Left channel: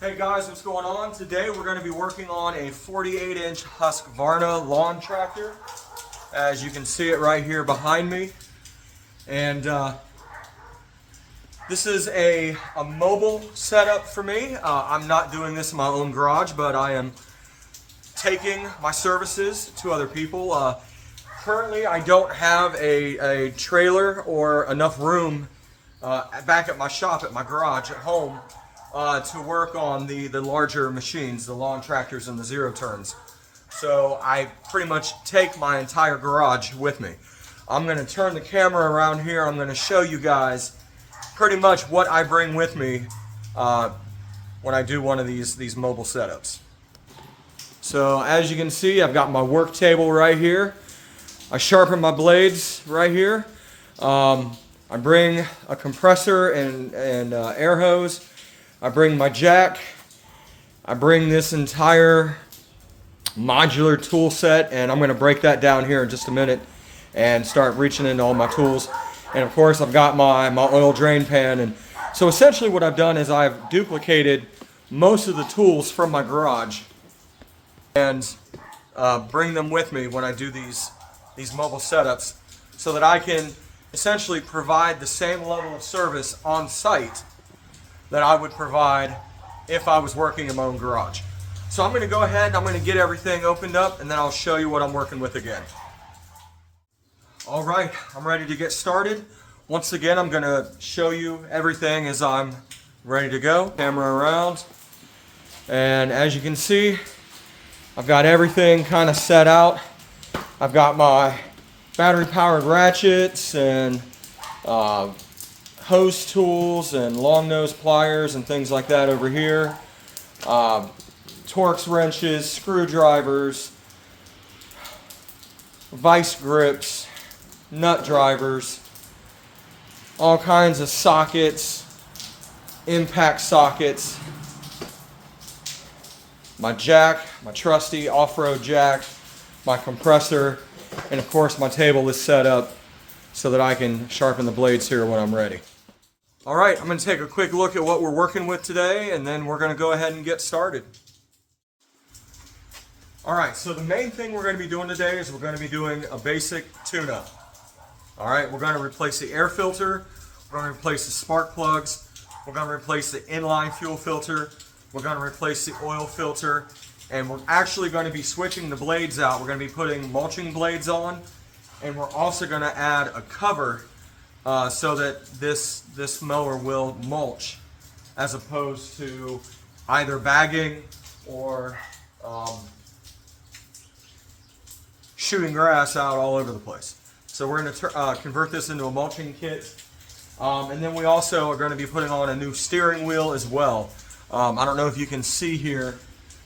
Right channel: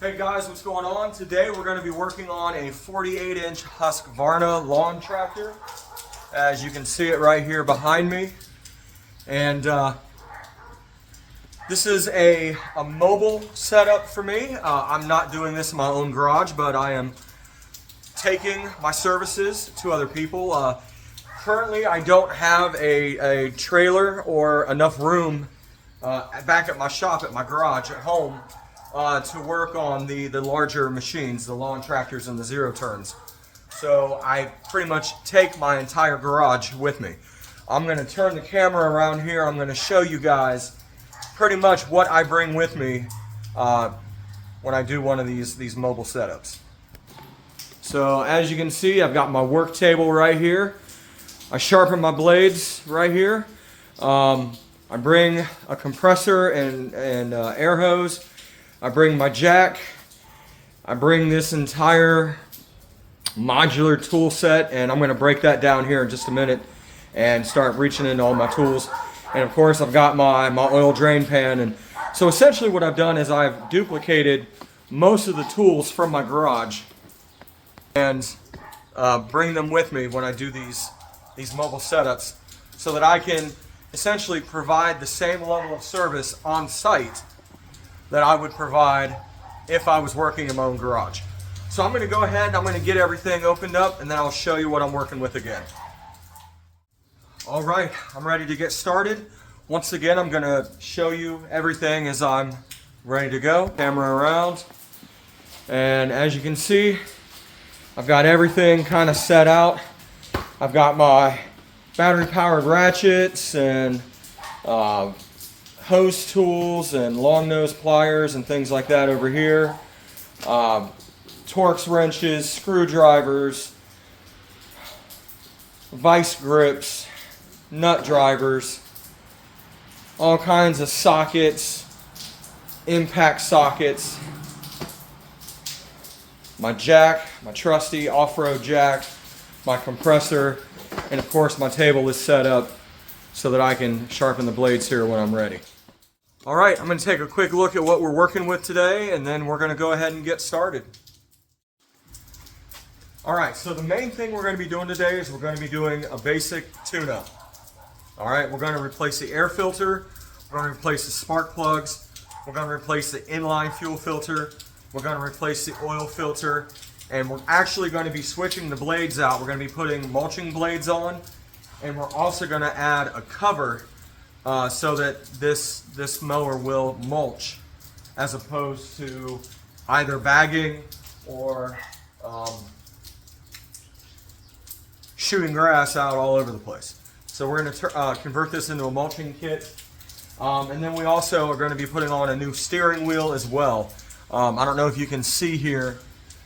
Hey guys, what's going on? Today we're going to be working on a 48-inch Husqvarna lawn tractor. As you can see it right here behind me. And this is a mobile setup for me. I'm not doing this in my own garage, but I am taking my services to other people. Currently, I don't have a trailer or enough room back at my shop, at my garage, at home, to work on the larger machines, the lawn tractors and the zero turns. So I pretty much take my entire garage with me. I'm going to turn the camera around here. I'm going to show you guys pretty much what I bring with me when I do one of these mobile setups. So as you can see, I've got my work table right here. I sharpen my blades right here. I bring a compressor and air hose. I bring my jack. I bring this entire modular tool set, and I'm going to break that down here in just a minute and start reaching into all my tools. And of course, I've got my oil drain pan. And so essentially what I've done is I've duplicated most of the tools from my garage and bring them with me when I do these mobile setups, so that I can essentially provide the same level of service on site that I would provide if I was working in my own garage. So I'm going to go ahead and I'm going to get everything opened up, and then I'll show you what I'm working with again. All right, I'm ready to get started. Once again, I'm going to show you everything as I'm ready to go. Camera around. And as you can see, I've got everything kind of set out. I've got my battery powered ratchets and hose tools and long nose pliers and things like that over here. Torx wrenches, screwdrivers, vice grips, nut drivers, all kinds of sockets, impact sockets, my jack, my trusty off-road jack, my compressor, and of course my table is set up so that I can sharpen the blades here when I'm ready. All right, I'm going to take a quick look at what we're working with today, and then we're going to go ahead and get started. All right, so the main thing we're going to be doing today is we're going to be doing a basic tune-up. All right, we're going to replace the air filter, we're going to replace the spark plugs, we're going to replace the inline fuel filter, we're going to replace the oil filter, and we're actually going to be switching the blades out. We're going to be putting mulching blades on, and we're also going to add a cover so that this mower will mulch, as opposed to either bagging or shooting grass out all over the place. So we're going to convert this into a mulching kit. And then we also are going to be putting on a new steering wheel as well. I don't know if you can see here,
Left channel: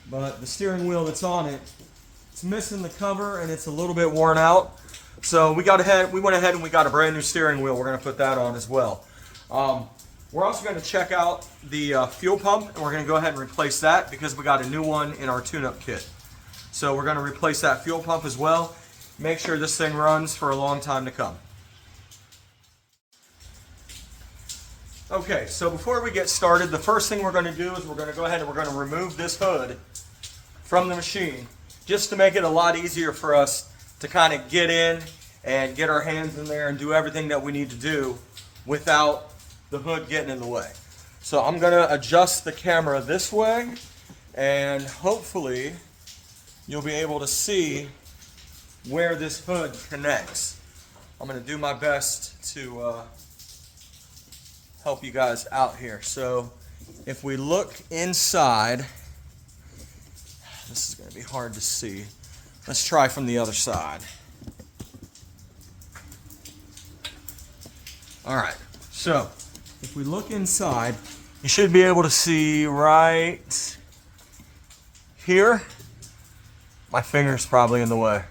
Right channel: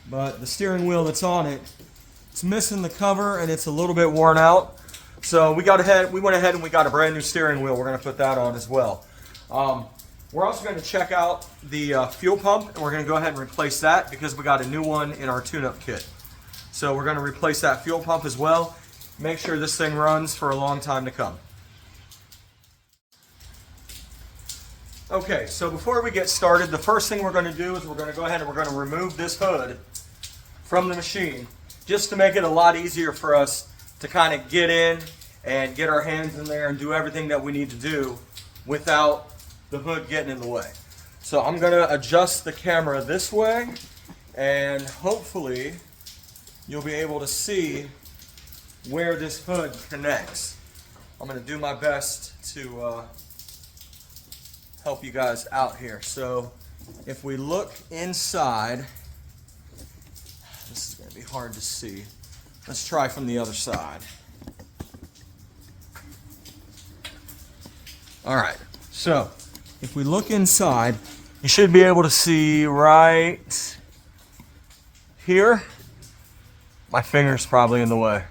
but the steering wheel that's on it, it's missing the cover and it's a little bit worn out. So we went ahead and we got a brand new steering wheel. We're going to put that on as well. We're also going to check out the fuel pump, and we're going to go ahead and replace that because we got a new one in our tune-up kit. So we're going to replace that fuel pump as well. Make sure this thing runs for a long time to come. Okay, so before we get started, the first thing we're going to do is we're going to go ahead and we're going to remove this hood from the machine, just to make it a lot easier for us to kind of get in and get our hands in there and do everything that we need to do without the hood getting in the way. So I'm going to adjust the camera this way, and hopefully you'll be able to see where this hood connects. I'm going to do my best to help you guys out here. So if we look inside, this is going to be hard to see. Let's try from the other side. All right, so if we look inside, you should be able to see right here. My finger's probably in the way.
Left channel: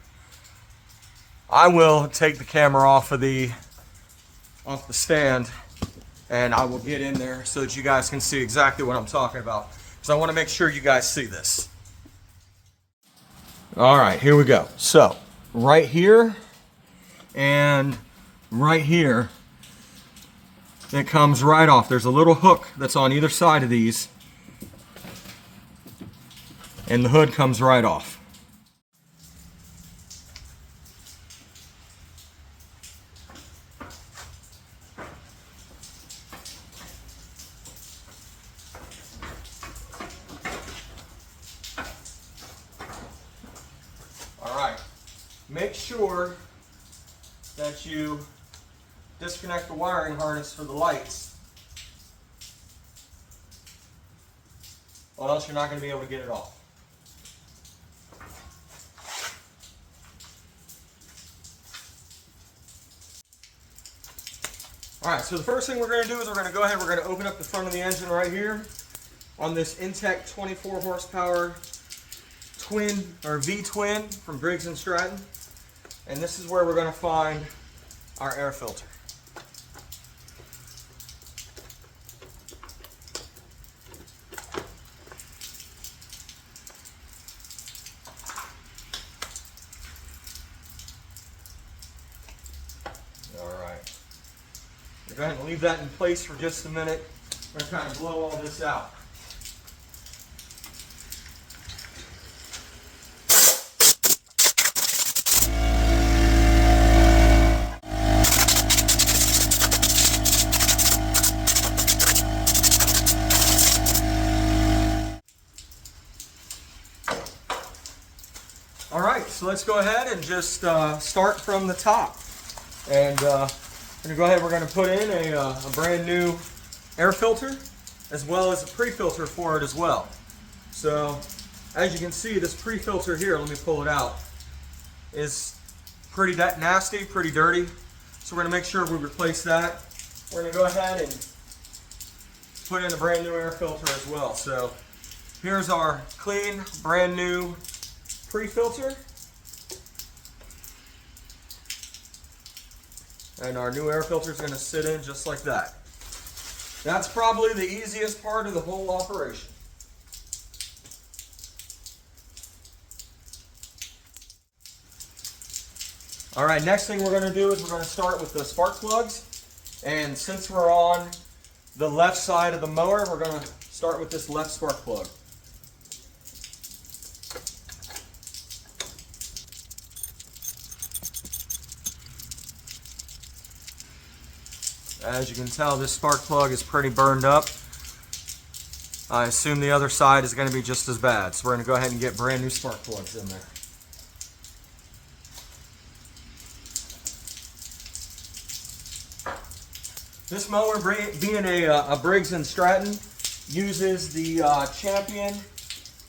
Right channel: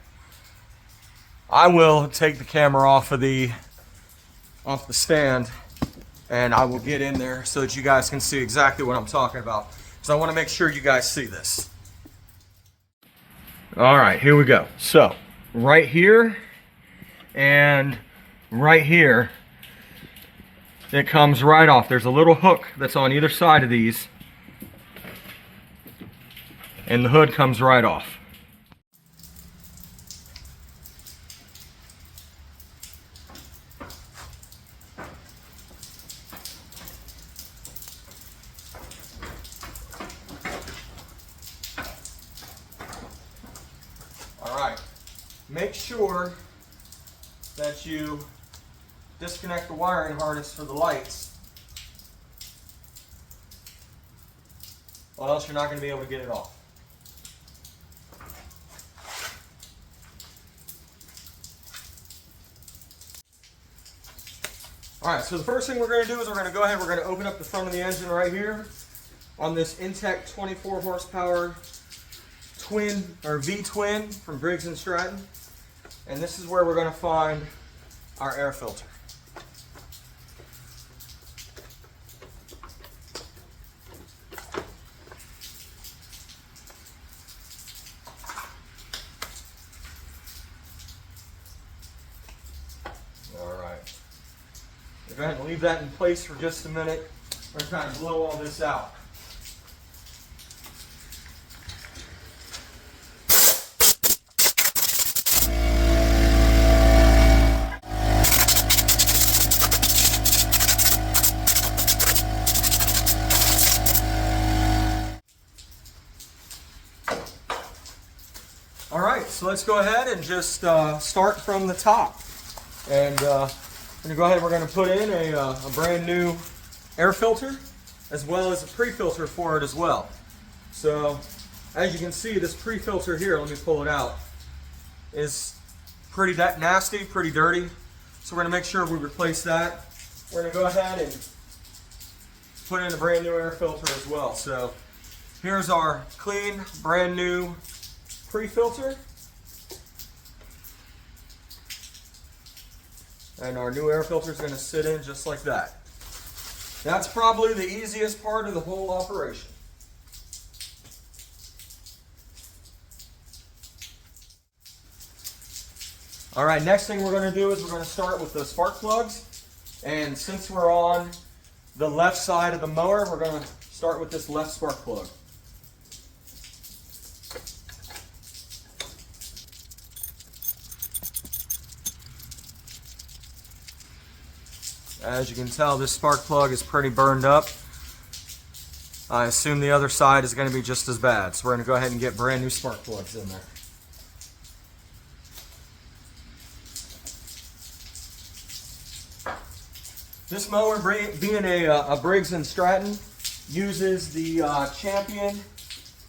I will take the camera off the stand, and I will get in there so that you guys can see exactly what I'm talking about, because I want to make sure you guys see this. All right, here we go. So right here and right here, it comes right off. There's a little hook that's on either side of these, and the hood comes right off. All right, make sure that you disconnect the wiring harness for the lights, or else you're not going to be able to get it off. All right, so the first thing we're going to do is we're going to go ahead, we're going to open up the front of the engine right here on this Intech 24 horsepower twin or V-twin from Briggs & Stratton. And this is where we're going to find our air filter. All right. Go ahead and leave that in place for just a minute. We're going to kind of blow all this out. All right, so let's go ahead and just start from the top. And we're going to go ahead and we're going to put in a brand new air filter as well as a pre-filter for it as well. So as you can see, this pre-filter here, let me pull it out, is pretty nasty, pretty dirty. So we're going to make sure we replace that. We're going to go ahead and put in a brand new air filter as well. So here's our clean, brand new pre-filter. And our new air filter is going to sit in just like that. That's probably the easiest part of the whole operation. All right, next thing we're going to do is we're going to start with the spark plugs. And since we're on the left side of the mower, we're going to start with this left spark plug. As you can tell, this spark plug is pretty burned up. I assume the other side is going to be just as bad. So we're going to go ahead and get brand new spark plugs in there. This mower, being a Briggs & Stratton, uses the Champion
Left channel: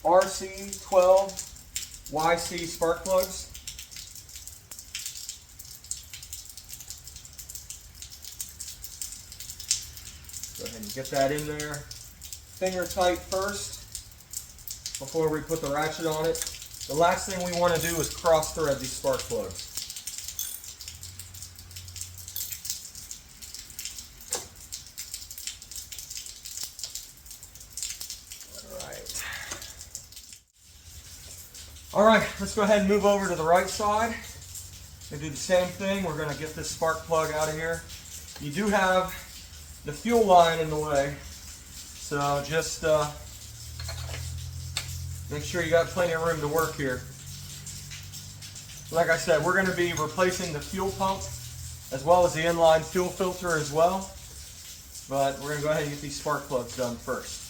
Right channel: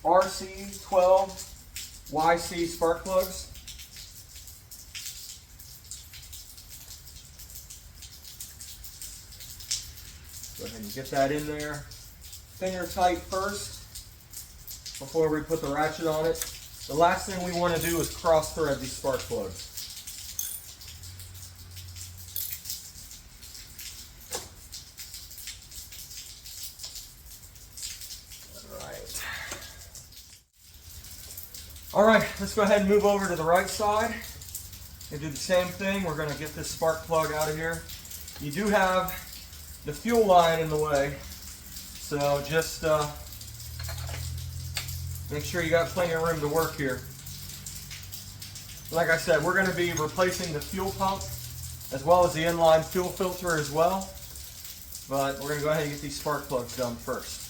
RC12 YC spark plugs. Go ahead and get that in there. Finger tight first before we put the ratchet on it. The last thing we want to do is cross thread these spark plugs. All right, let's go ahead and move over to the right side and do the same thing. We're going to get this spark plug out of here. You do have the fuel line in the way, so just make sure you got plenty of room to work here. Like I said, we're going to be replacing the fuel pump as well as the inline fuel filter as well, but we're going to go ahead and get these spark plugs done first.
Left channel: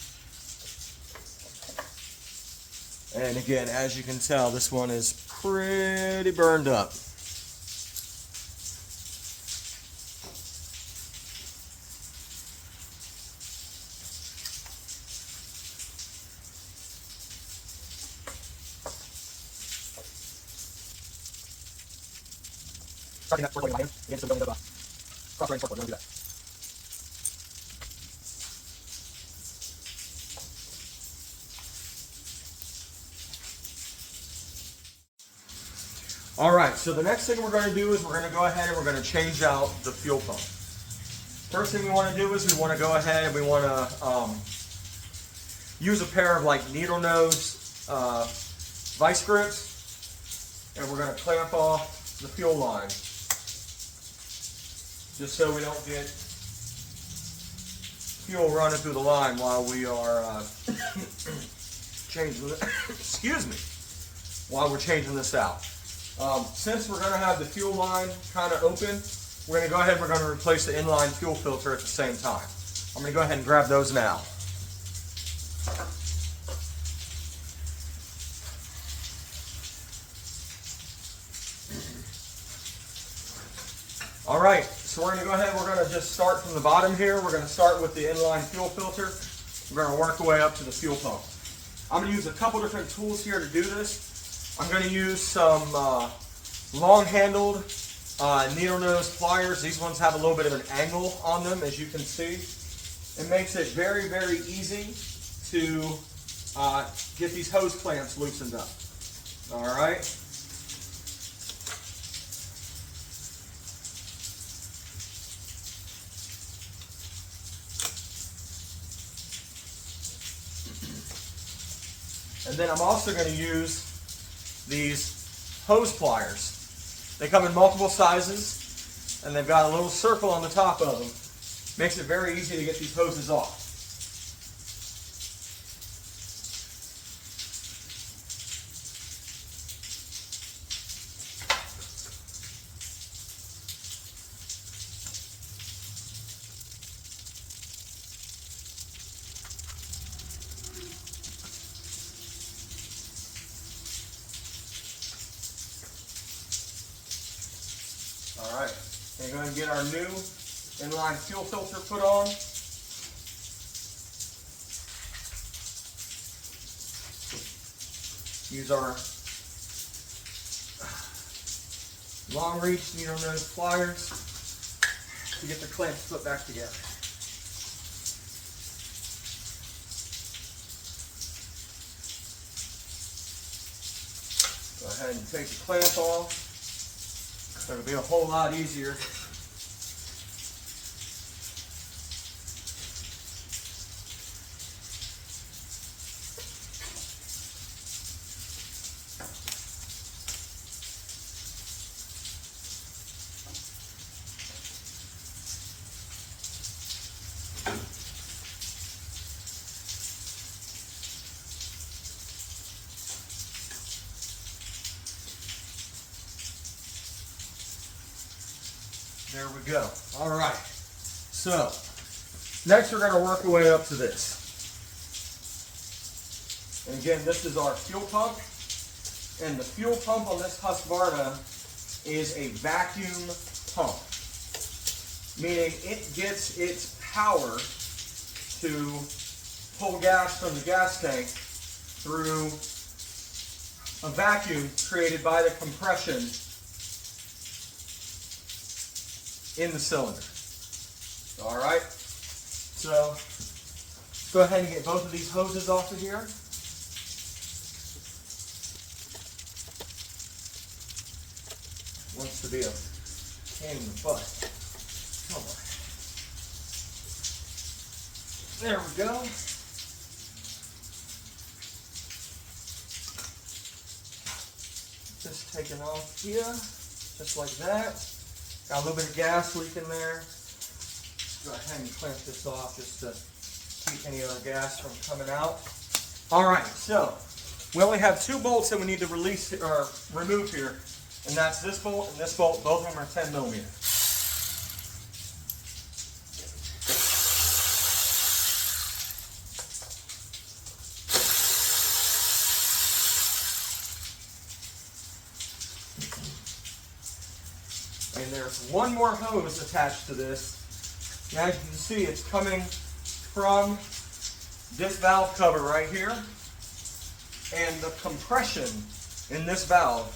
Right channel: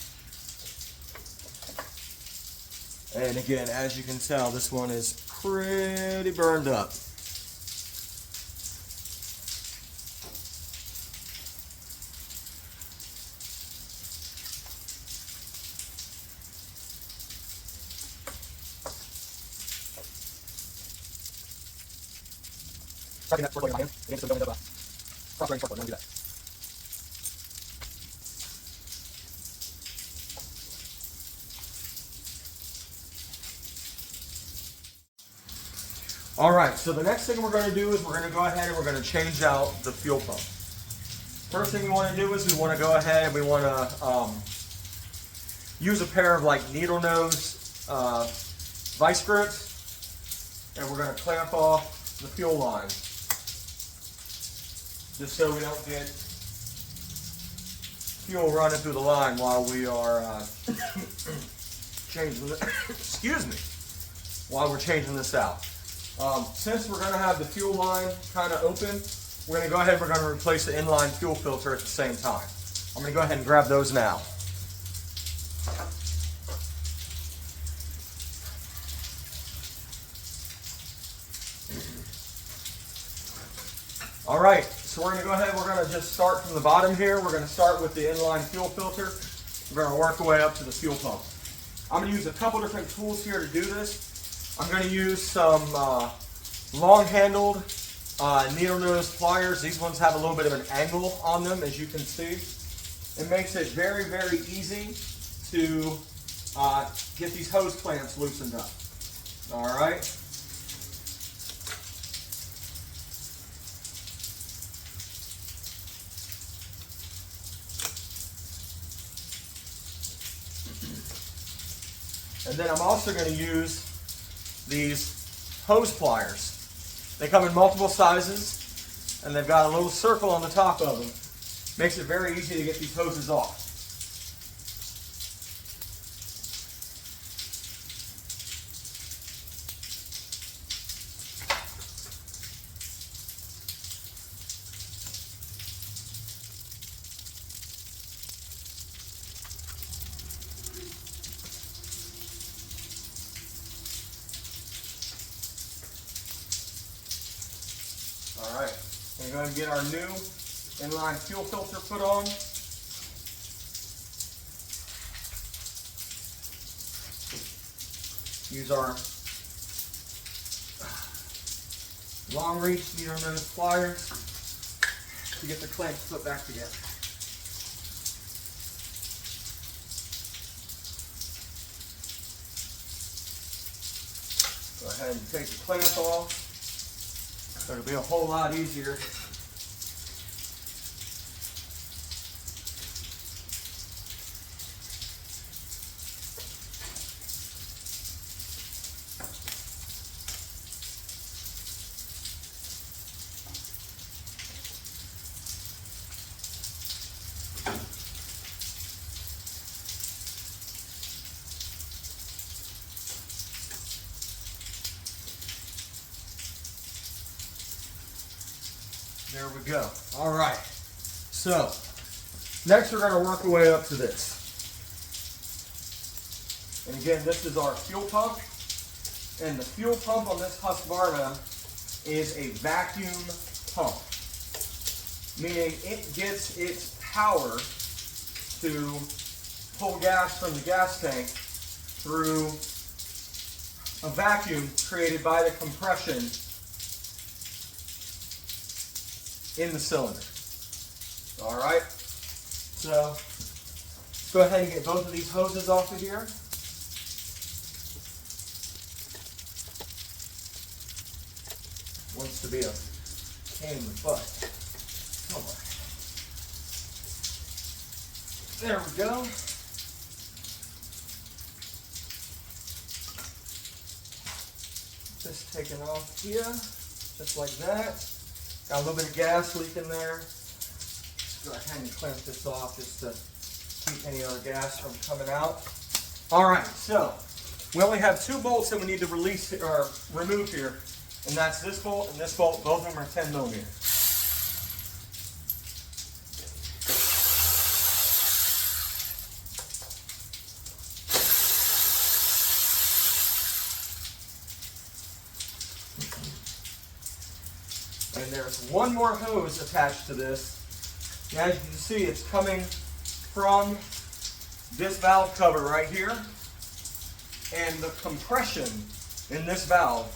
And again, as you can tell, this one is pretty burned up. Starting that spark plug in my hand. Again, so we don't end up cross-threading spark plug. We're going to do that. All right, so the next thing we're going to do is we're going to go ahead and we're going to change out the fuel pump. First thing we want to do is we want to go ahead and we want to use a pair of like needle nose vice grips, and we're going to clamp off the fuel line just so we don't get fuel running through the line while we are changing this, excuse me, while we're changing this out. Since we're going to have the fuel line kind of open, we're going to go ahead and we're going to replace the inline fuel filter at the same time. I'm going to go ahead and grab those now. All right, so we're going to go ahead, we're going to just start from the bottom here. We're going to start with the inline fuel filter. We're going to work our way up to the fuel pump. I'm going to use a couple different tools here to do this. I'm going to use some long-handled needle nose pliers. These ones have a little bit of an angle on them, as you can see. It makes it very, very easy to get these hose clamps loosened up. All right. And then I'm also going to use these hose pliers. They come in multiple sizes, and they've got a little circle on the top of them. Makes it very easy to get these hoses off. All right, we're going to get our new inline fuel filter put on. Use our long reach needle nose pliers to get the clamps put back together. Go ahead and take the clamp off. It'll be a whole lot easier. There we go. All right. So, next we're going to work our way up to this. And again, this is our fuel pump. And the fuel pump on this Husqvarna is a vacuum pump, meaning it gets its power to pull gas from the gas tank through a vacuum created by the compression in the cylinder. All right, so let's go ahead and get both of these hoses off of here. Wants to be a pain in the butt. Come on. There we go. Just taking off here, just like that. Got a little bit of gas leak in there. Let's go ahead and clamp this off just to keep any other gas from coming out. All right, so we only have two bolts that we need to release or remove here, and that's this bolt and this bolt. Both of them are 10 millimeter. And there's one more hose attached to this. And as you can see, it's coming from this valve cover right here. And the compression in this valve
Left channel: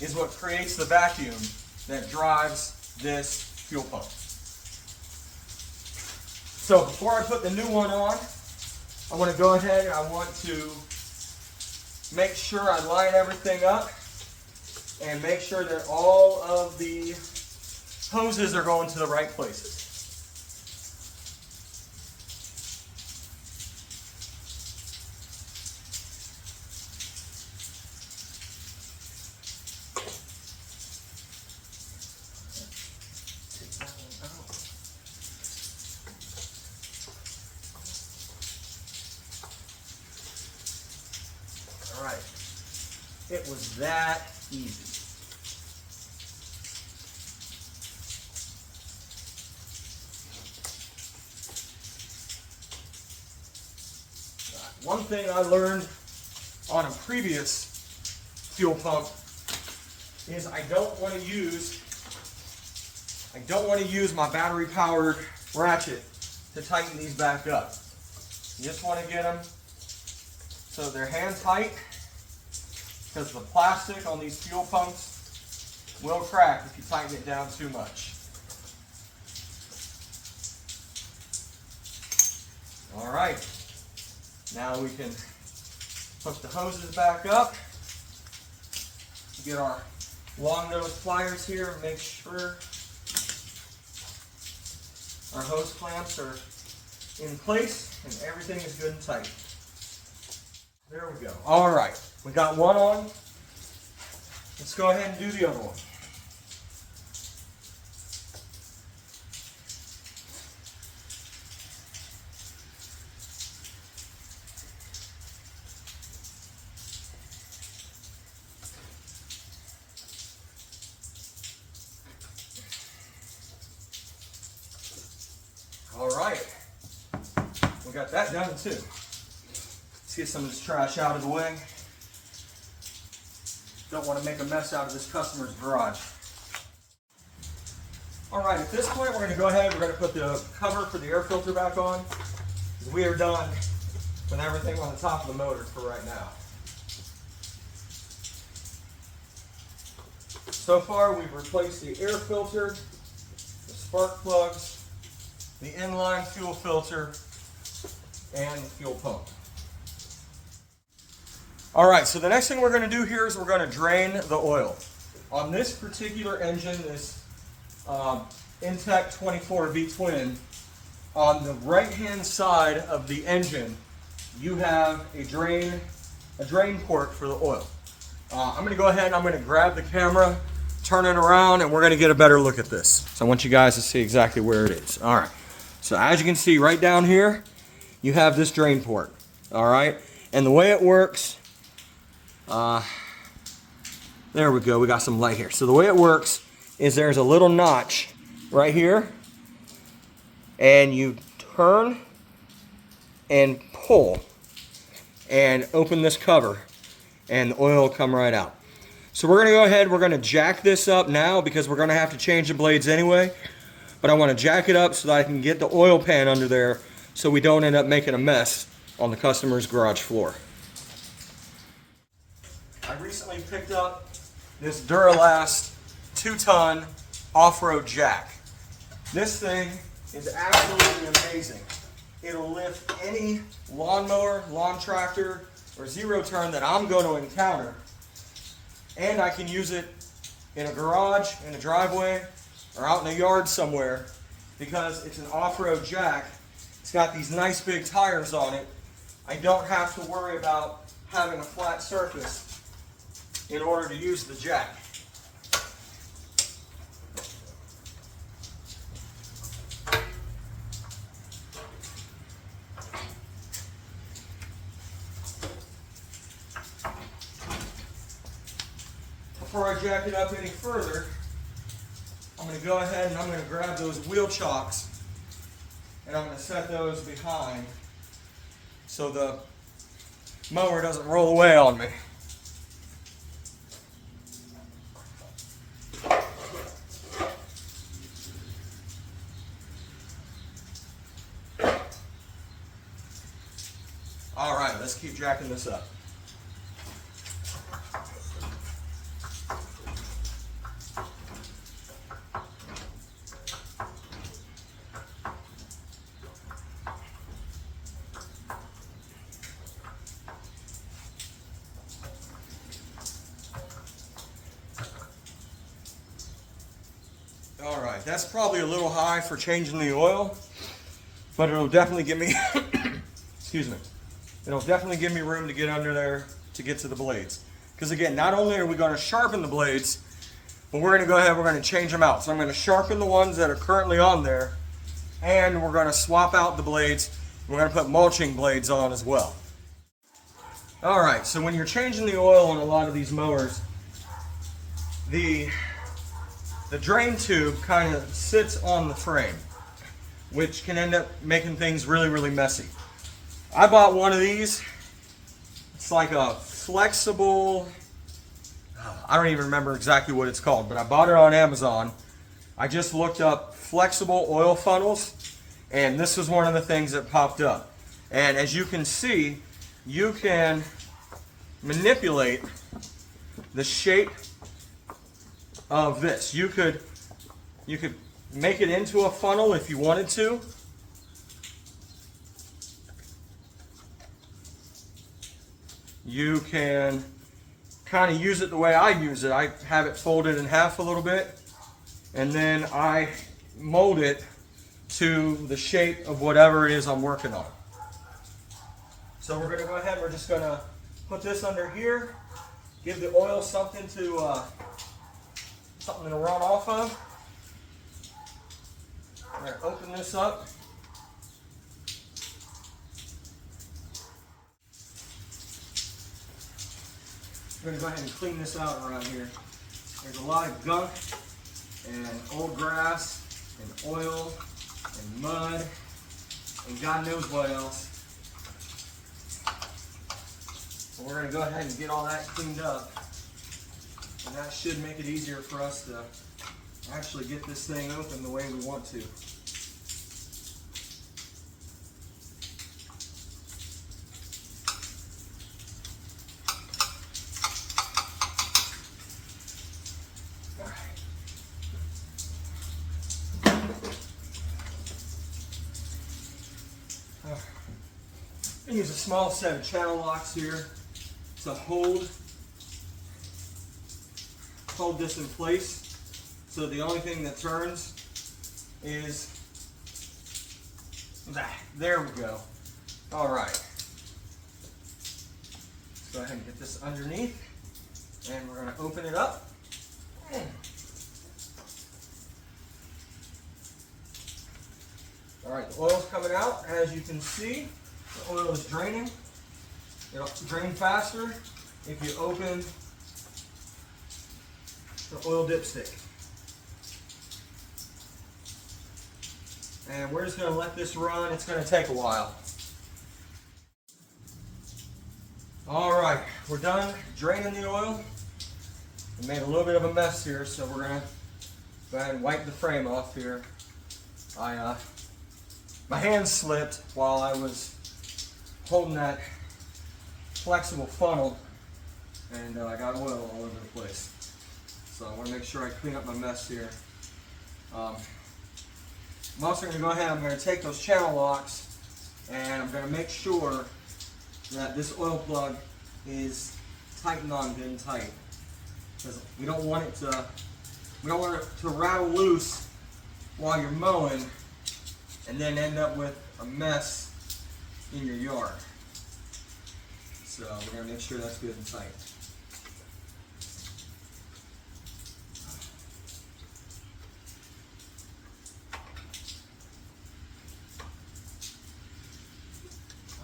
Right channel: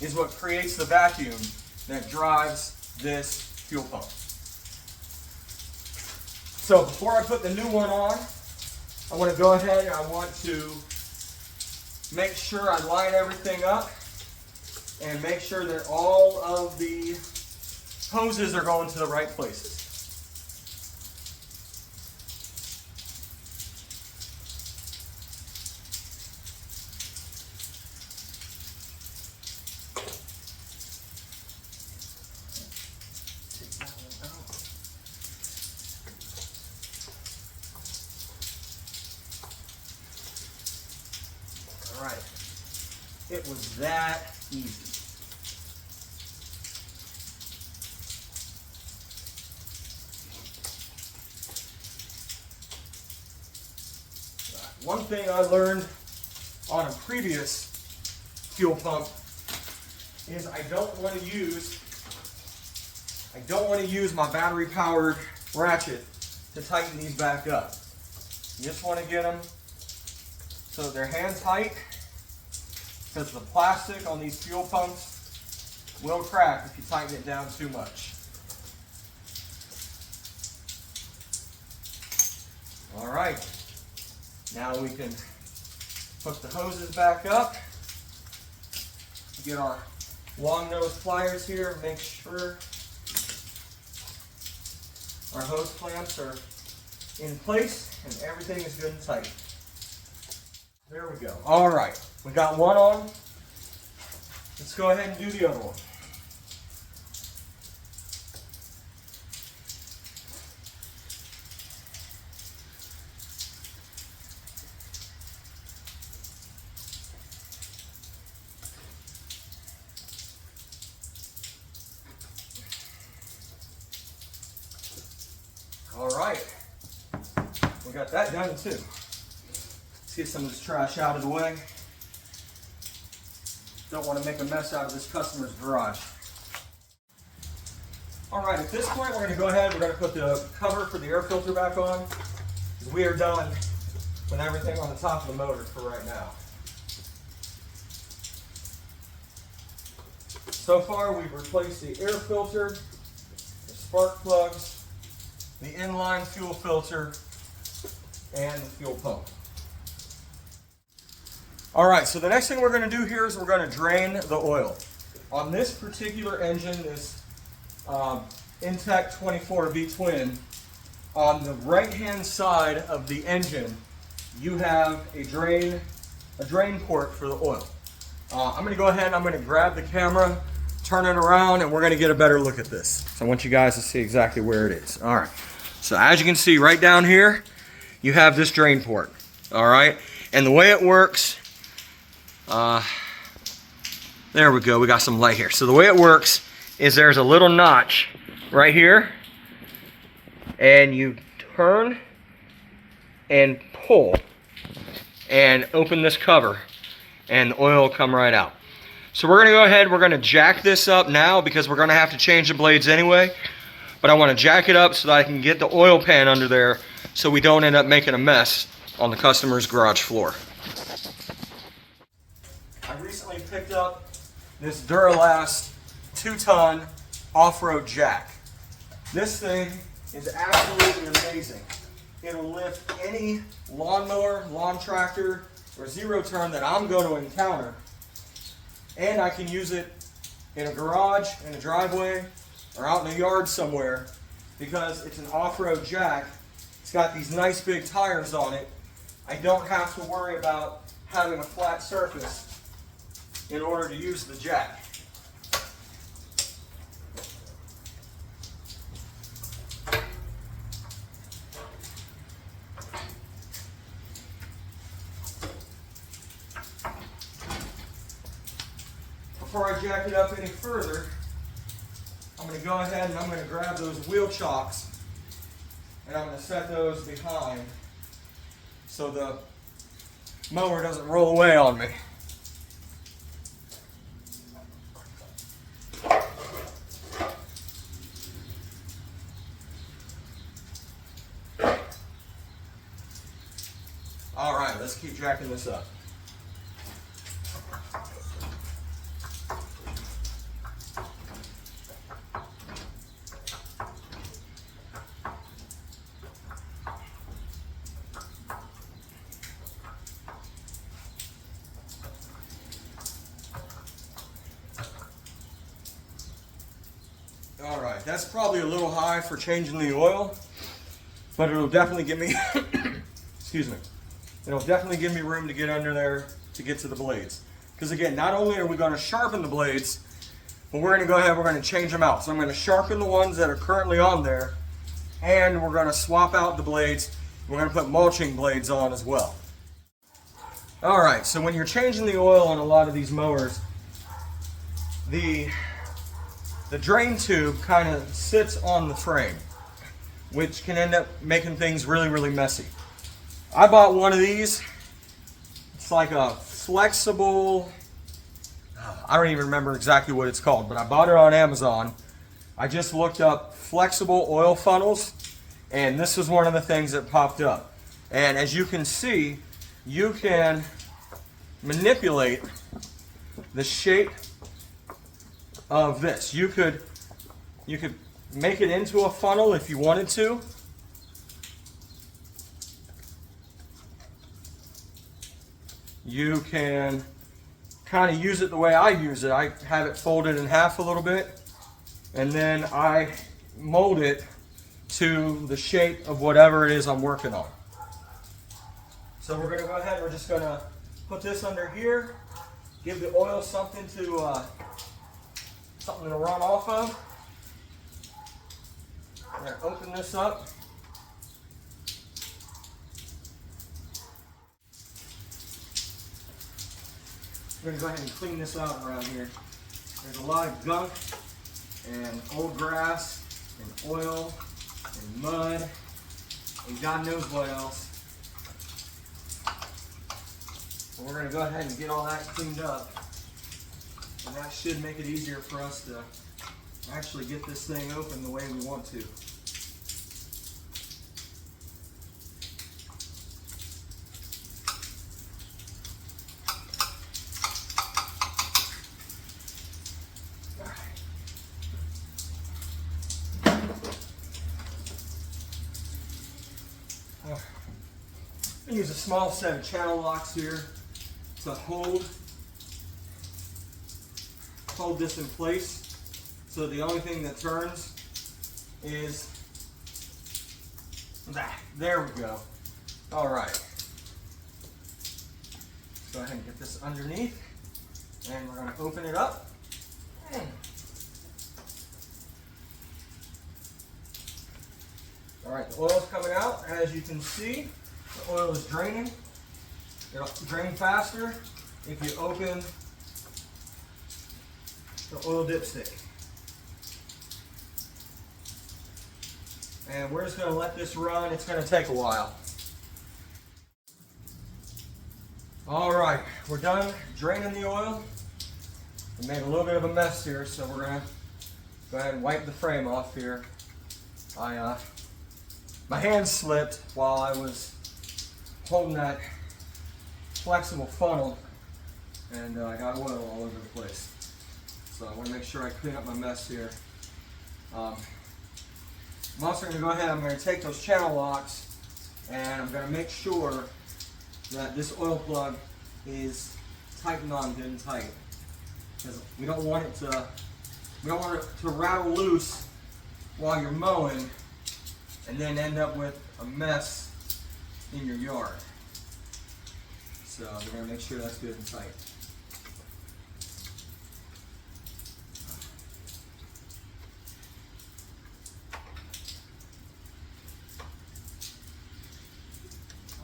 is what creates the vacuum that drives this fuel pump. So before I put the new one on, I want to go ahead and I want to make sure I line everything up and make sure that all of the hoses are going to the right places. Take that one out. All right. It was that easy. One thing I learned on a previous fuel pump is I don't want to use my battery powered ratchet to tighten these back up. You just want to get them so they're hand tight, because the plastic on these fuel pumps will crack if you tighten it down too much. All right. Now we can hook the hoses back up, get our long nose pliers here, make sure our hose clamps are in place and everything is good and tight. There we go. All right, we got one on. Let's go ahead and do the other one. All right, we got that done too. Let's get some of this trash out of the way. Don't want to make a mess out of this customer's garage. All right, at this point, we're going to go ahead. We're going to put the cover for the air filter back on, because we are done with everything on the top of the motor for right now. So far, we've replaced the air filter, the spark plugs, the inline fuel filter, and the fuel pump. All right, so the next thing we're going to do here is we're going to drain the oil. On this particular engine, this Intech 24 V-Twin, on the right-hand side of the engine, you have a drain port for the oil. I'm going to go ahead and I'm going to grab the camera, turn it around, and we're going to get a better look at this. So I want you guys to see exactly where it is. All right. So as you can see right down here, you have this drain port. All right. And the way it works, there we go. We got some light here. So the way it works is there's a little notch right here, and you turn and pull and open this cover, and the oil will come right out. So we're going to go ahead, we're going to jack this up now because we're going to have to change the blades anyway. But I want to jack it up so that I can get the oil pan under there so we don't end up making a mess on the customer's garage floor. I recently picked up this Duralast 2-ton off-road jack. This thing is absolutely amazing. It'll lift any lawnmower, lawn tractor, or zero-turn that I'm going to encounter. And I can use it in a garage, in a driveway, or out in the yard somewhere, because it's an off-road jack. It's got these nice big tires on it. I don't have to worry about having a flat surface in order to use the jack. Before I jack it up any further, I'm going to go ahead and I'm going to grab those wheel chocks and I'm going to set those behind so the mower doesn't roll away on me. All right, let's keep jacking this up. All right, that's probably a little high for changing the oil, but it'll definitely give me, excuse me, it'll definitely give me room to get under there to get to the blades. Because again, not only are we going to sharpen the blades, but we're going to go ahead, we're going to change them out. So I'm going to sharpen the ones that are currently on there, and we're going to swap out the blades. We're going to put mulching blades on as well. All right, so when you're changing the oil on a lot of these mowers, the drain tube kind of sits on the frame, which can end up making things really, really messy. I bought one of these. It's like a flexible, I don't even remember exactly what it's called, but I bought it on Amazon. I just looked up flexible oil funnels, and this was one of the things that popped up. And as you can see, you can manipulate the shape of this. You could make it into a funnel if you wanted to. You can kind of use it the way I use it. I have it folded in half a little bit, and then I mold it to the shape of whatever it is I'm working on. So we're going to go ahead and we're just going to put this under here, give the oil something to run off of. We're going to open this up. We're going to go ahead and clean this out around here. There's a lot of gunk and old grass and oil and mud and God knows what else. But we're going to go ahead and get all that cleaned up, and that should make it easier for us to actually get this thing open the way we want to. I use a small set of channel locks here to hold this in place, so the only thing that turns is that. There we go. All right. Let's go ahead and get this underneath, and we're going to open it up. All right, the oil's coming out. As you can see, the oil is draining. It'll drain faster if you open the oil dipstick. And we're just going to let this run. It's going to take a while. All right, we're done draining the oil. We made a little bit of a mess here, so we're going to go ahead and wipe the frame off here. My hand slipped while I was holding that flexible funnel, and I got oil all over the place. So I want to make sure I clean up my mess here. I'm also going to go ahead, I'm going to take those channel locks, and I'm going to make sure that this oil plug is tightened on good and tight, because we don't want it to rattle loose while you're mowing and then end up with a mess in your yard. So we're going to make sure that's good and tight.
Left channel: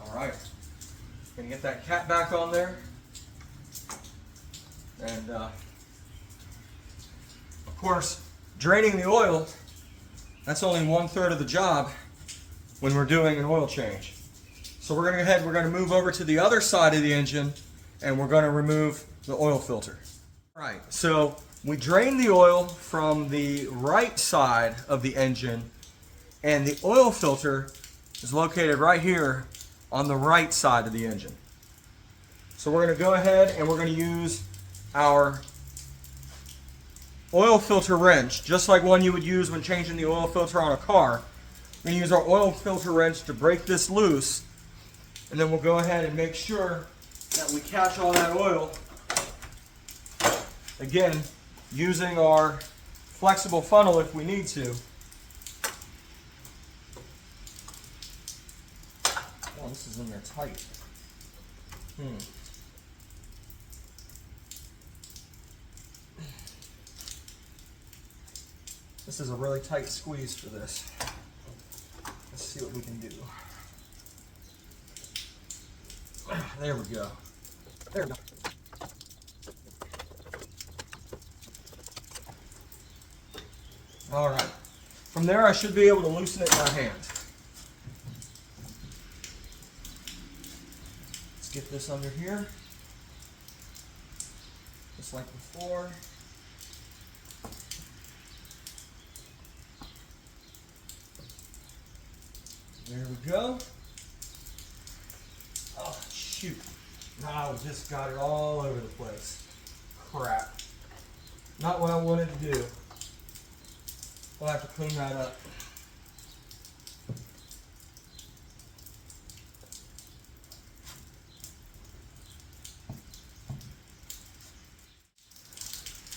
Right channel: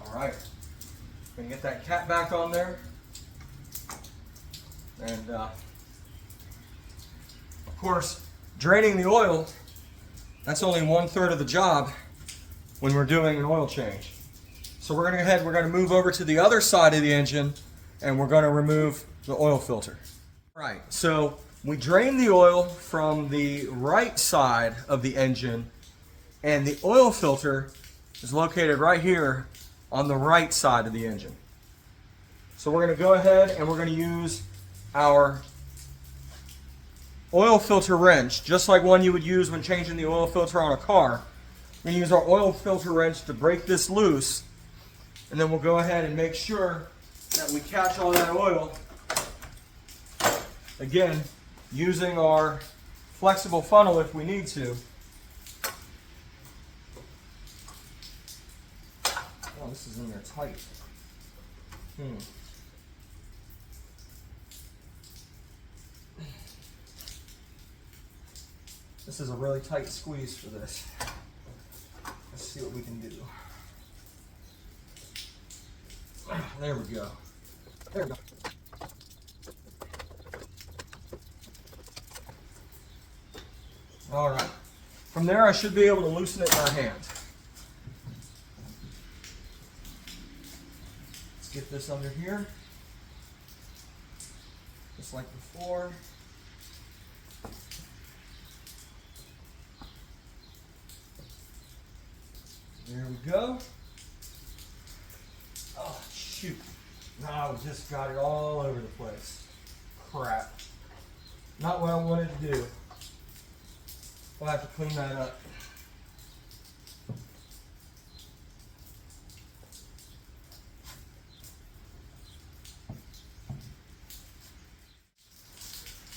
All right, going to get that cap back on there, and of course, draining the oil, that's only 1/3 of the job when we're doing an oil change. So we're going to go ahead, we're going to move over to the other side of the engine, and we're going to remove the oil filter. All right, so we drain the oil from the right side of the engine, and the oil filter is located right here on the right side of the engine. So we're going to go ahead and we're going to use our oil filter wrench, just like one you would use when changing the oil filter on a car. We're going to use our oil filter wrench to break this loose, and then we'll go ahead and make sure that we catch all that oil. Again, using our flexible funnel if we need to. Oh, this is in there tight. This is a really tight squeeze for this. Let's see what we can do. There we go. There we go. All right. From there, I should be able to loosen it in my hand. Let's get this under here. Just like before. There we go. Oh, shoot. Now I just got it all over the place. Crap. Not what I wanted to do. I'll have to clean that up.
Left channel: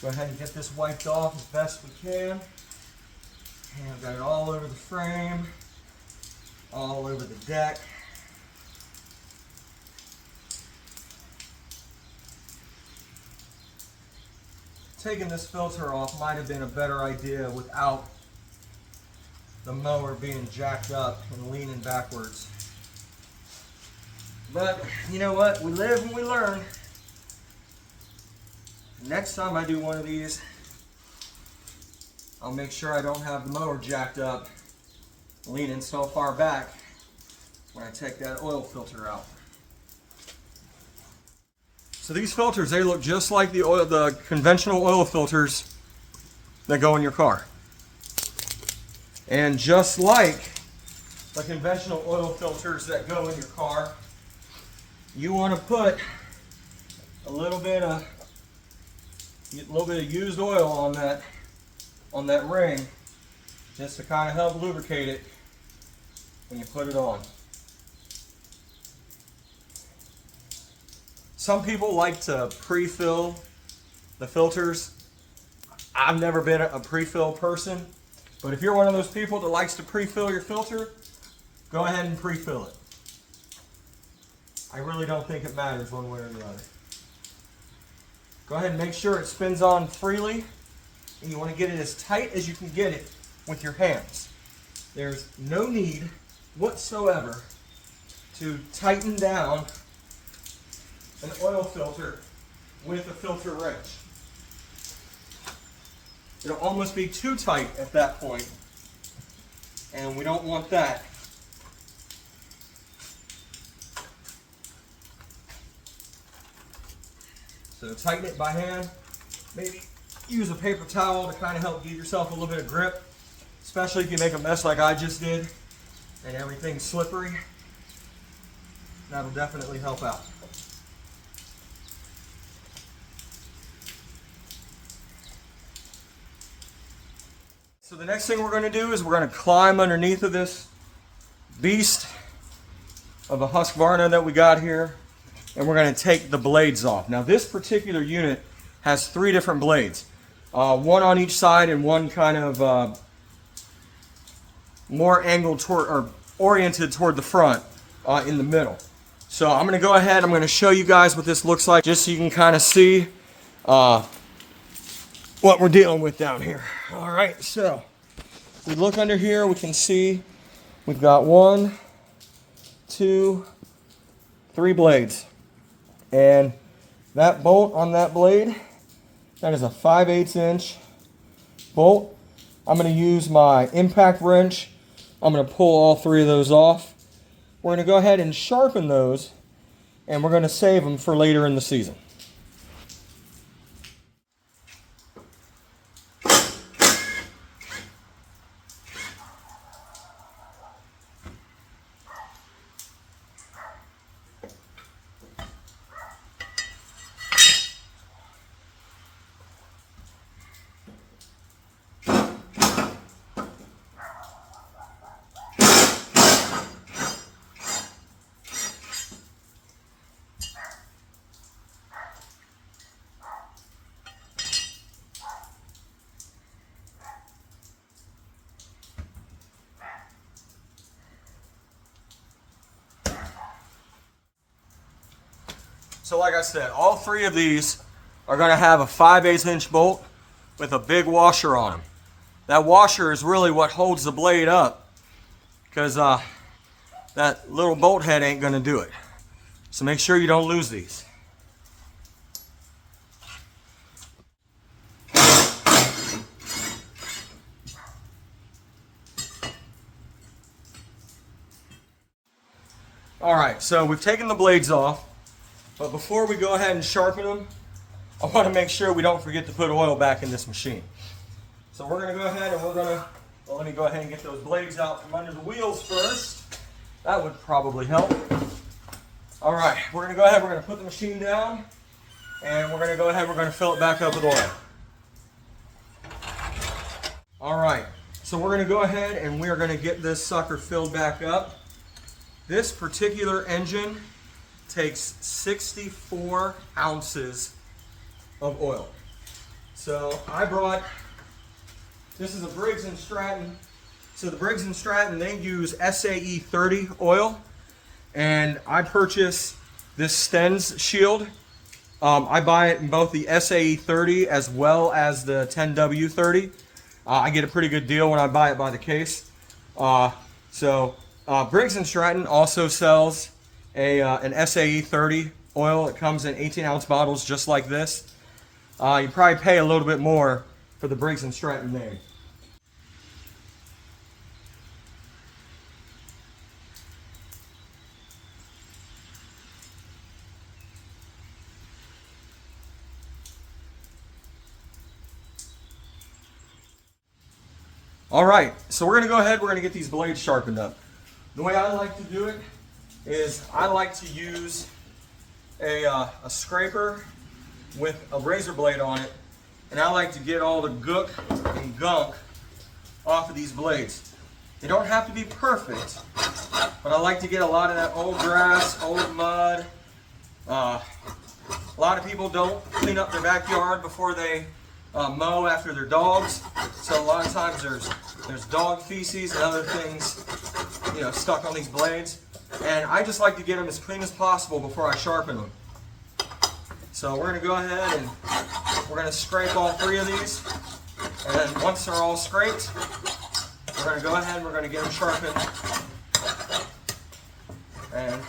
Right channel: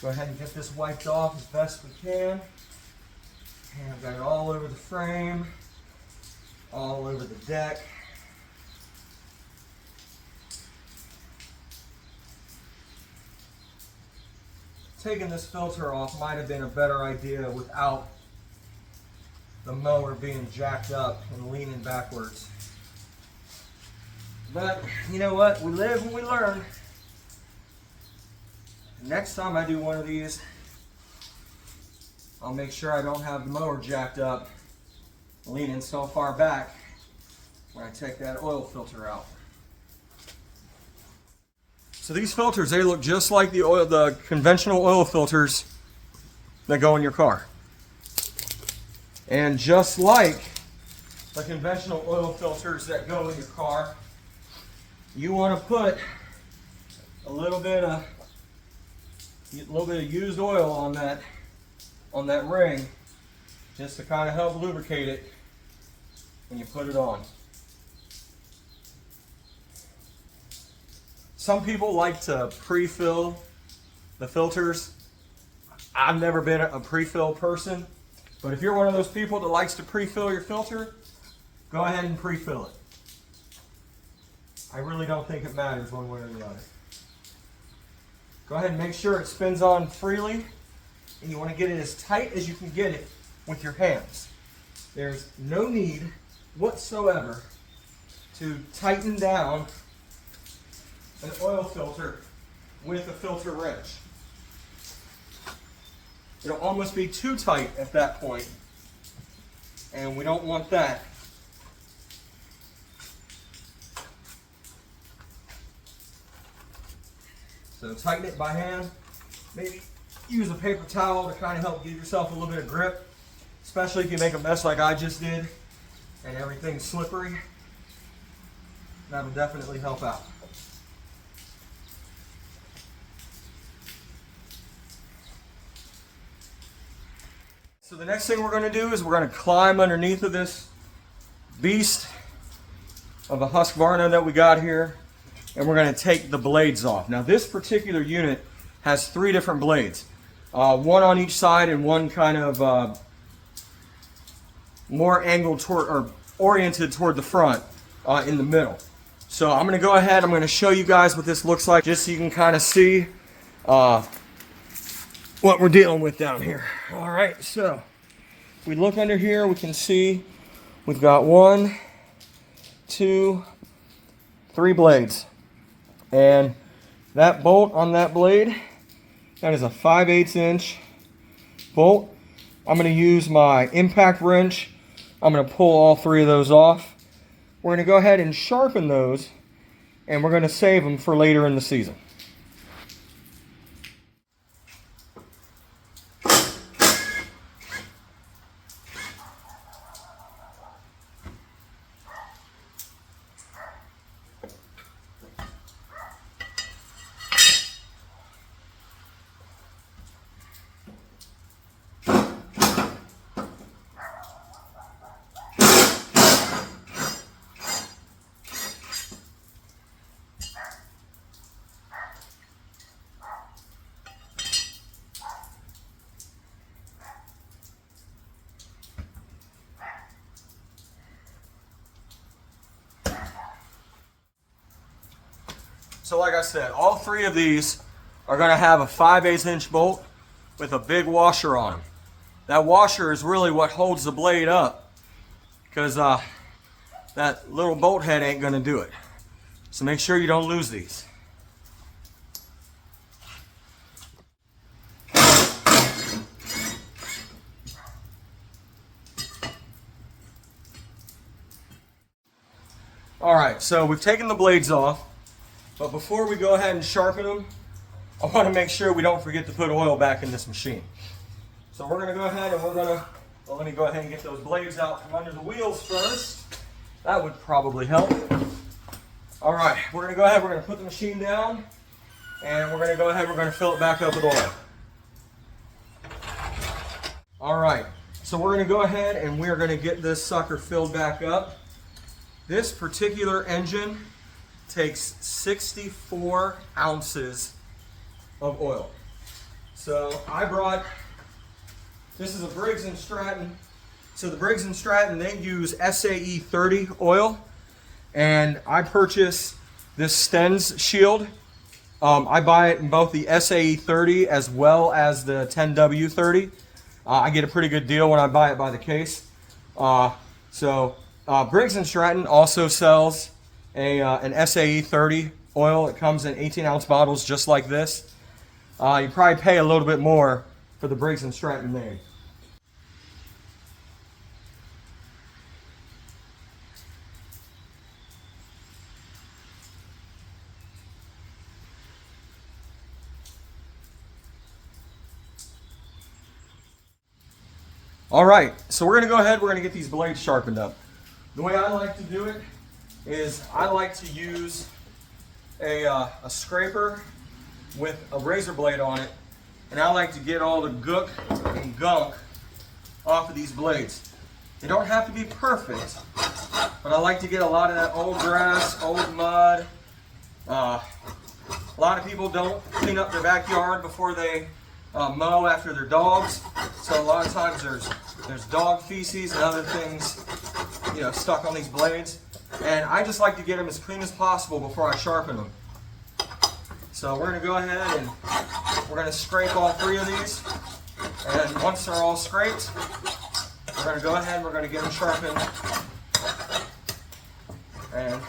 Go ahead and get this wiped off as best we can. And I've got it all over the frame, all over the deck. Taking this filter off might have been a better idea without the mower being jacked up and leaning backwards. But you know what? We live and we learn. Next time I do one of these, I'll make sure I don't have the mower jacked up, leaning so far back when I take that oil filter out. So these filters, they look just like the conventional oil filters that go in your car. And just like the conventional oil filters that go in your car, you want to put a little bit of used oil on that ring, just to kind of help lubricate it when you put it on. Some people like to pre-fill the filters. I've never been a pre-fill person, but if you're one of those people that likes to pre-fill your filter, go ahead and pre-fill it. I really don't think it matters one way or the other. Go ahead and make sure it spins on freely, and you want to get it as tight as you can get it with your hands. There's no need whatsoever to tighten down an oil filter with a filter wrench. It'll almost be too tight at that point, and we don't want that. So tighten it by hand. Maybe use a paper towel to kind of help give yourself a little bit of grip, especially if you make a mess like I just did and everything's slippery. That'll definitely help out. So the next thing we're going to do is we're going to climb underneath of this beast of a Husqvarna that we got here, and we're going to take the blades off. Now this particular unit has 3 different blades, one on each side and one kind of more angled toward or oriented toward the front in the middle. So I'm going to go ahead, I'm going to show you guys what this looks like just so you can kind of see what we're dealing with down here. All right, so we look under here, we can see we've got 1, 2, 3 blades. And that bolt on that blade, that is a 5/8 inch bolt. I'm going to use my impact wrench. I'm going to pull all 3 of those off. We're going to go ahead and sharpen those, and we're going to save them for later in the season. So like I said, all 3 of these are going to have a 5/8 inch bolt with a big washer on them. That washer is really what holds the blade up, because that little bolt head ain't going to do it. So make sure you don't lose these. All right, so we've taken the blades off, but before we go ahead and sharpen them, I want to make sure we don't forget to put oil back in this machine. So we're going to go ahead and let me go ahead and get those blades out from under the wheels first. That would probably help. All right, we're going to go ahead, we're going to put the machine down, and we're going to go ahead, we're going to fill it back up with oil. All right, so we're going to go ahead and we're going to get this sucker filled back up. This particular engine takes 64 ounces of oil. So I brought, this is a Briggs & Stratton. So the Briggs & Stratton, they use SAE 30 oil. And I purchased this Stens shield. I buy it in both the SAE 30 as well as the 10W 30. I get a pretty good deal when I buy it by the case. Briggs & Stratton also sells an SAE 30 oil. It comes in 18-ounce bottles just like this. You probably pay a little bit more for the Briggs & Stratton name. All right, so we're going to go ahead, we're going to get these blades sharpened up. The way I like to do it is I like to use a scraper with a razor blade on it, and I like to get all the gook and gunk off of these blades. They don't have to be perfect, but I like to get a lot of that old grass, old mud. A lot of people don't clean up their backyard before they mow after their dogs, so a lot of times there's dog feces and other things, you know, stuck on these blades, and I just like to get them as clean as possible before I sharpen them. So we're going to go ahead and we're going to scrape all three of these, and once they're all scraped, we're going to go ahead and we're going to get them sharpened, and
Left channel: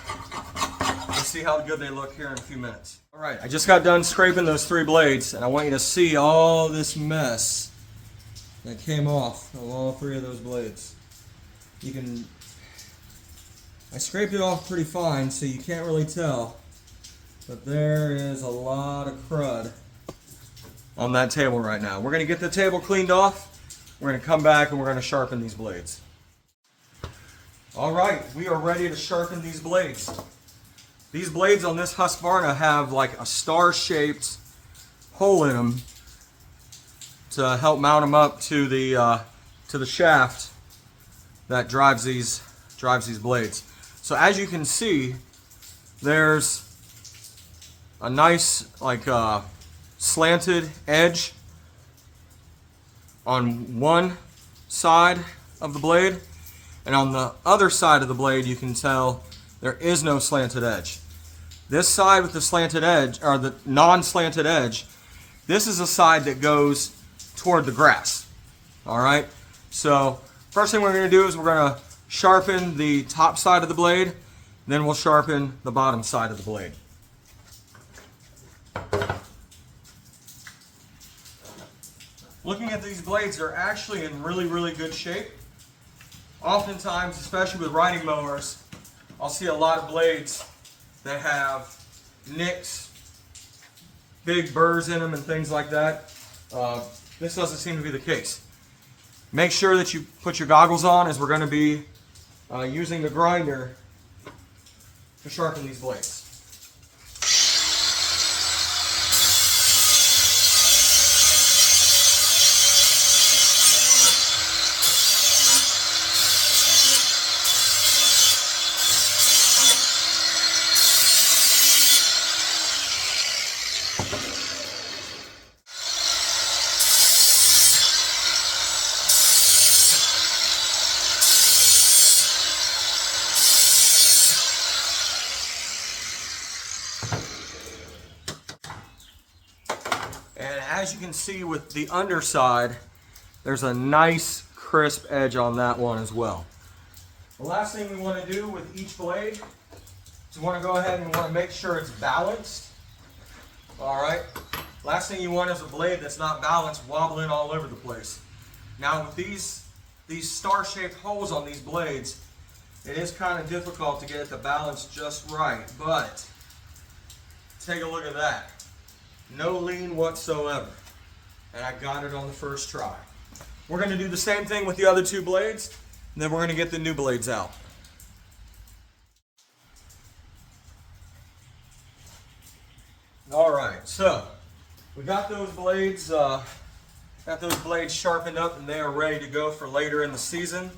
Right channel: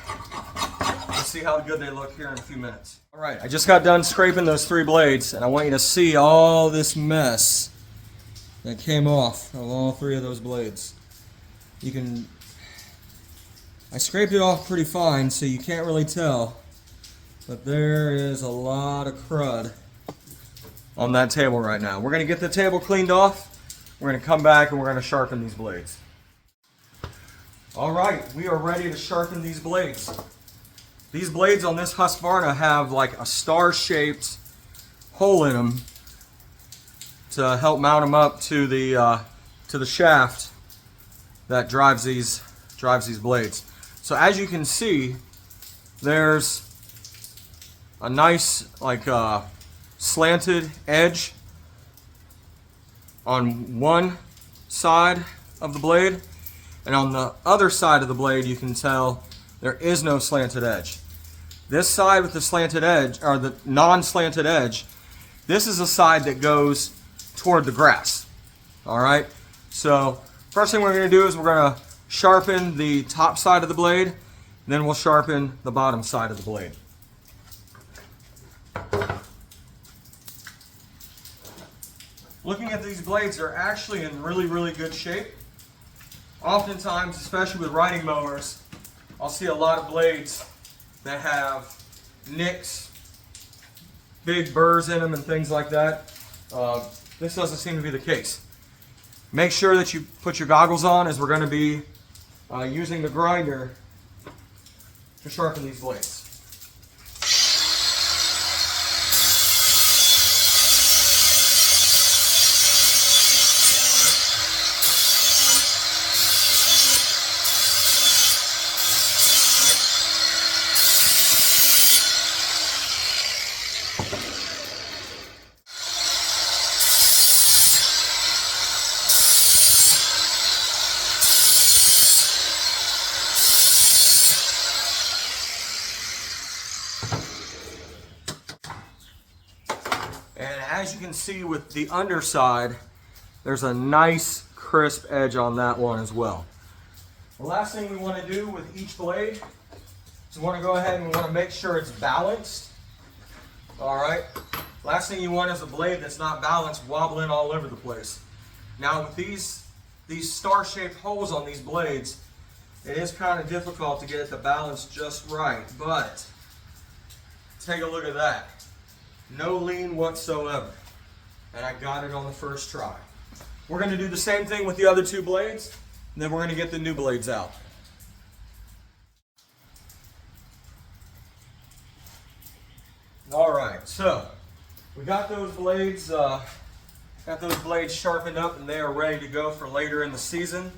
we'll see how good they look here in a few minutes. All right, I just got done scraping those three blades, and I want you to see all this mess that came off of all three of those blades. I scraped it off pretty fine, so you can't really tell, but there is a lot of crud on that table right now. We're going to get the table cleaned off. We're going to come back and we're going to sharpen these blades. All right, we are ready to sharpen these blades. These blades on this Husqvarna have like a star-shaped hole in them to help mount them up to the shaft that drives these blades. So as you can see, there's a nice slanted edge on one side of the blade, and on the other side of the blade you can tell there is no slanted edge. This side with the slanted edge, or the non-slanted edge, this is a side that goes toward the grass. All right, so first thing we're going to do is we're going to sharpen the top side of the blade, then we'll sharpen the bottom side of the blade. Looking at these blades, they're actually in really, really good shape. Oftentimes, especially with riding mowers, I'll see a lot of blades that have nicks, big burrs in them and things like that. This doesn't seem to be the case. Make sure that you put your goggles on, as we're going to be using the grinder to sharpen these blades. And as you can see with the underside, there's a nice crisp edge on that one as well. The last thing we want to do with each blade is we want to go ahead and we want to make sure it's balanced. All right. Last thing you want is a blade that's not balanced, wobbling all over the place. Now with these star-shaped holes on these blades, It is kind of difficult to get it to balance just right, but take a look at that. No lean whatsoever. And I got it on the first try. We're going to do the same thing with the other two blades, and then we're going to get the new blades out. All right, so we got those blades sharpened up, and they are ready to go for later in the season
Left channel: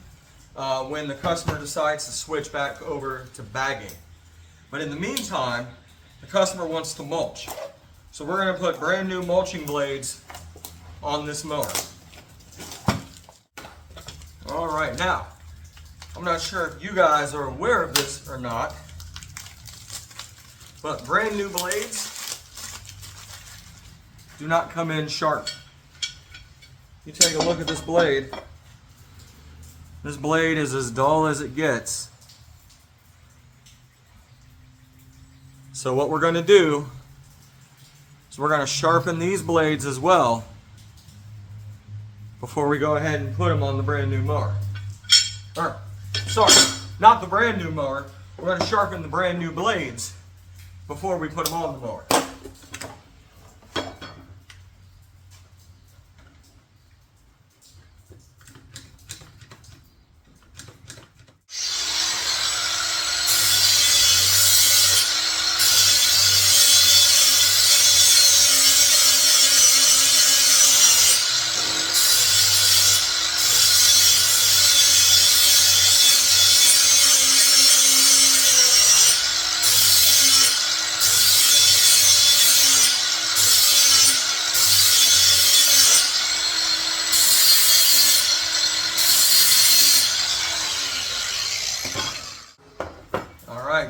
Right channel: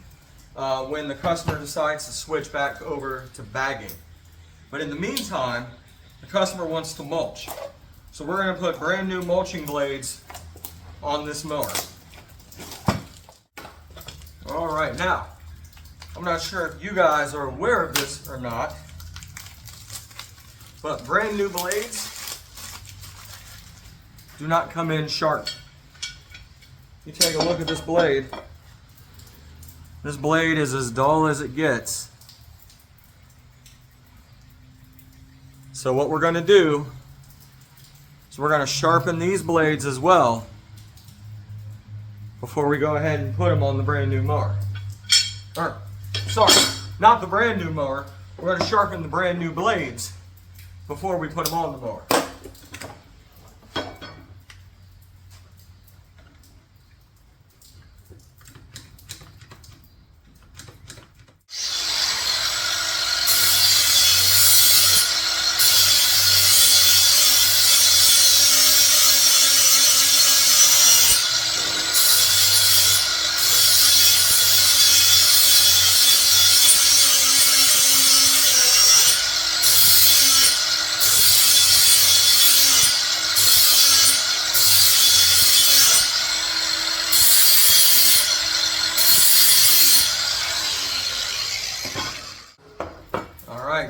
when the customer decides to switch back over to bagging. But in the meantime, the customer wants to mulch. So we're going to put brand new mulching blades on this mower. All right, now, I'm not sure if you guys are aware of this or not, but brand new blades do not come in sharp. You take a look at this blade. This blade is as dull as it gets. So what we're going to do is we're going to sharpen these blades as well before we go ahead and put them on the brand new mower. Or, sorry, not the brand new mower. We're going to sharpen the brand new blades before we put them on the mower.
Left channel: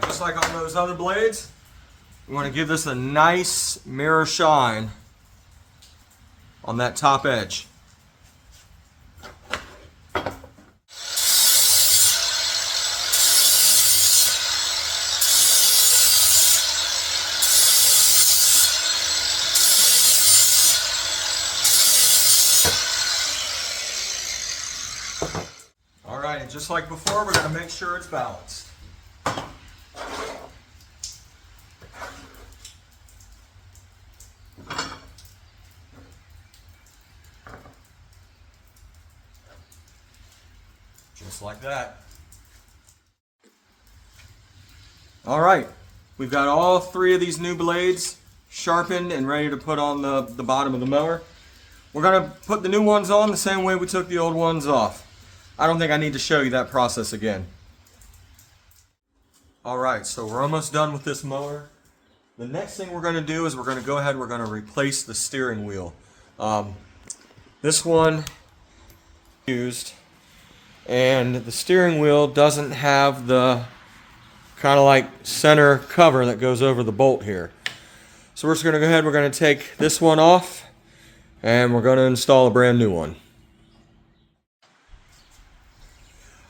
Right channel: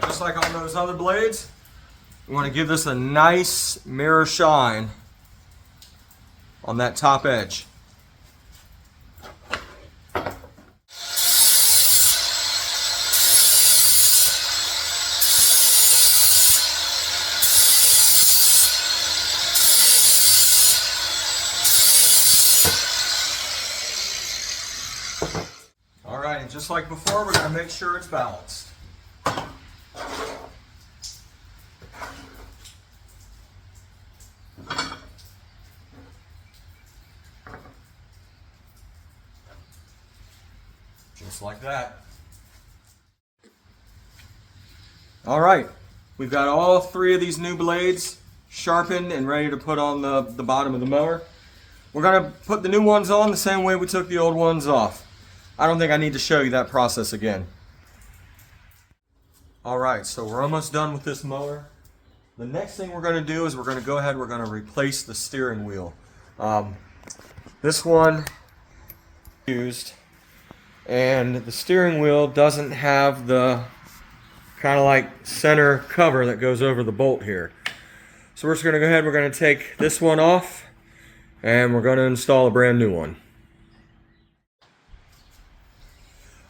Just like on those other blades, we want to give this a nice mirror shine on that top edge. All right, just like before, we're going to make sure it's balanced. Just like that. All right, we've got all three of these new blades sharpened and ready to put on the bottom of the mower. We're going to put the new ones on the same way we took the old ones off. I don't think I need to show you that process again. All right, so we're almost done with this mower. The next thing we're going to do is we're going to go ahead and we're going to replace the steering wheel. This one used, and the steering wheel doesn't have the kind of like center cover that goes over the bolt here. So we're just going to go ahead, we're going to take this one off, and we're going to install a brand new one.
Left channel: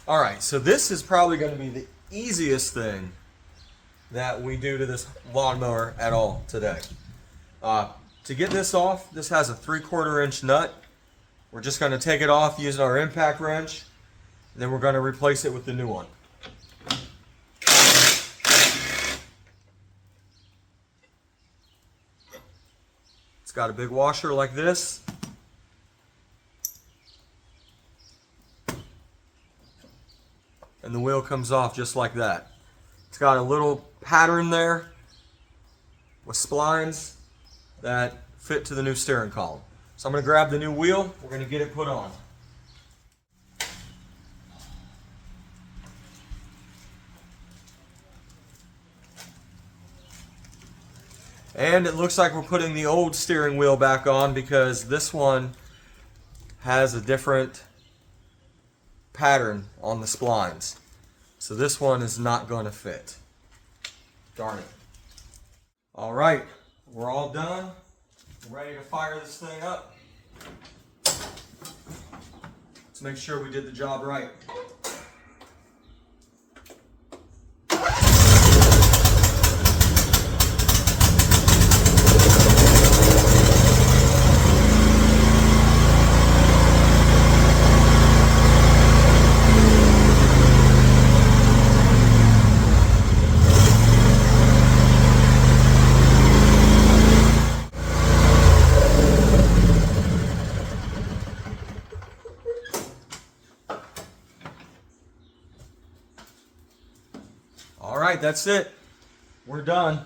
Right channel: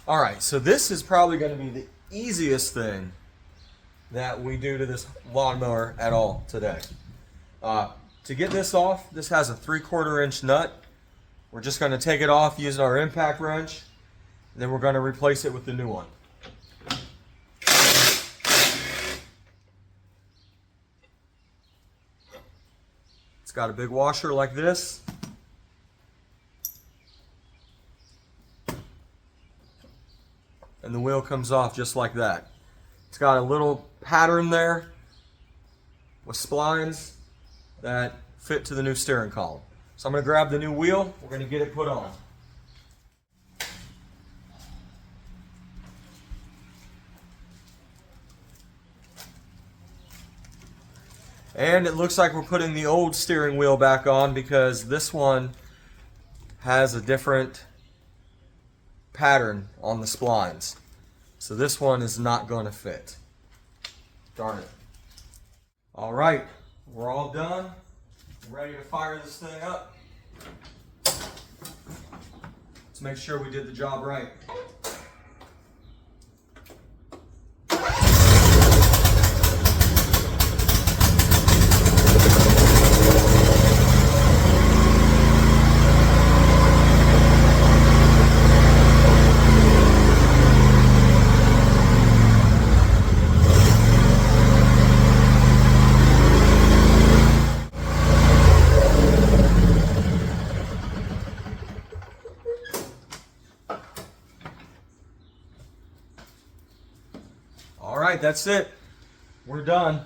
Alright, so this is probably going to be the easiest thing that we do to this lawnmower at all today. To get this off, this has a 3/4 inch nut. We're just going to take it off using our impact wrench, and then we're going to replace it with the new one. It's got a big washer like this. And the wheel comes off just like that. It's got a little pattern there with splines that fit to the new steering column. So I'm going to grab the new wheel. We're going to get it put on. And it looks like we're putting the old steering wheel back on because this one has a different pattern on the splines. So this one is not going to fit. Darn it. All right, we're all done. Ready to fire this thing up. Let's make sure we did the job right. right, that's it. We're done.